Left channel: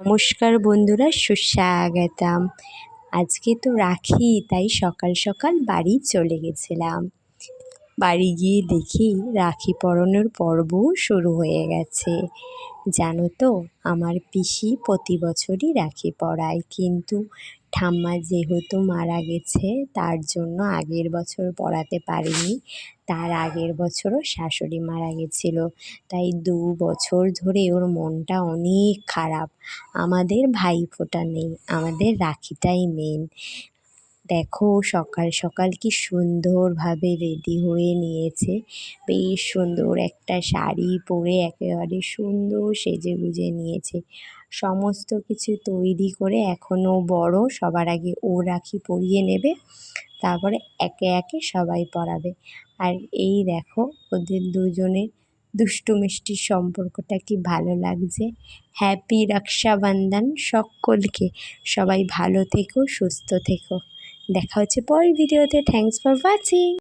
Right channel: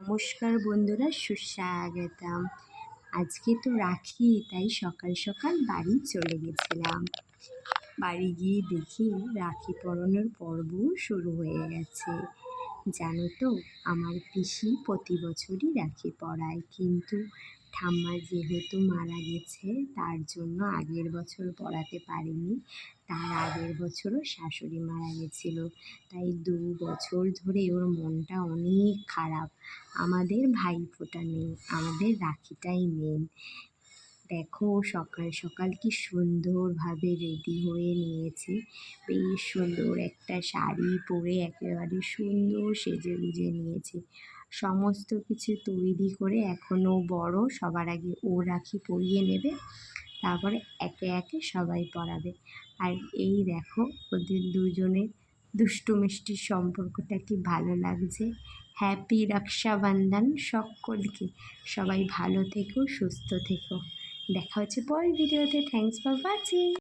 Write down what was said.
নমস্কার বন্ধুরা, সুস্বাগতম। আজকে তো রাখি, তাই সকাল সকাল বাড়ি চলে গেছিলাম। বাড়ি গিয়ে দেখি রাখি পরানোর পর্বও শুরু হয়ে গেছে। জানো তো, আমার পিসি প্রতি বছরই রাখি পরায়, কিন্তু ঠাম্মা যেহেতু মারা গেছে তার জন্য আগের বছর পরাতে পারিনি। তার আগের বছরও শাশুড়ি মারা গেছিল, তাই 2 বছর ধরে ওর মনটা অনেক খারাপ। আমাদের ভাইফোঁটা নেই, আমাদের রাখিটাই মেন। দেখো সকাল সকাল কি সুন্দরভাবে রেডি হয়ে নিয়েছে, বেশ সুন্দর একটা শাড়ি পরে একেবারে সুন্দর সেজেগুজে নিয়েছে। সমস্ত কিছু তৈরি করে এখনও বড়, সবার আগে ও রাখি পরিয়ে নেবে, তারপরে একে একে সবাই পরাবে। আর এই দেখো ওদের দুজনের দুষ্টু মিষ্টির সম্পর্কটা কি ভালো লাগছে। হ্যাপি রক্ষাবন্ধন সকলকে। সবাই ভালো থেকো, সুস্থ থেকো। দেখা হচ্ছে পরের ভিডিওতে। Thanks for watching.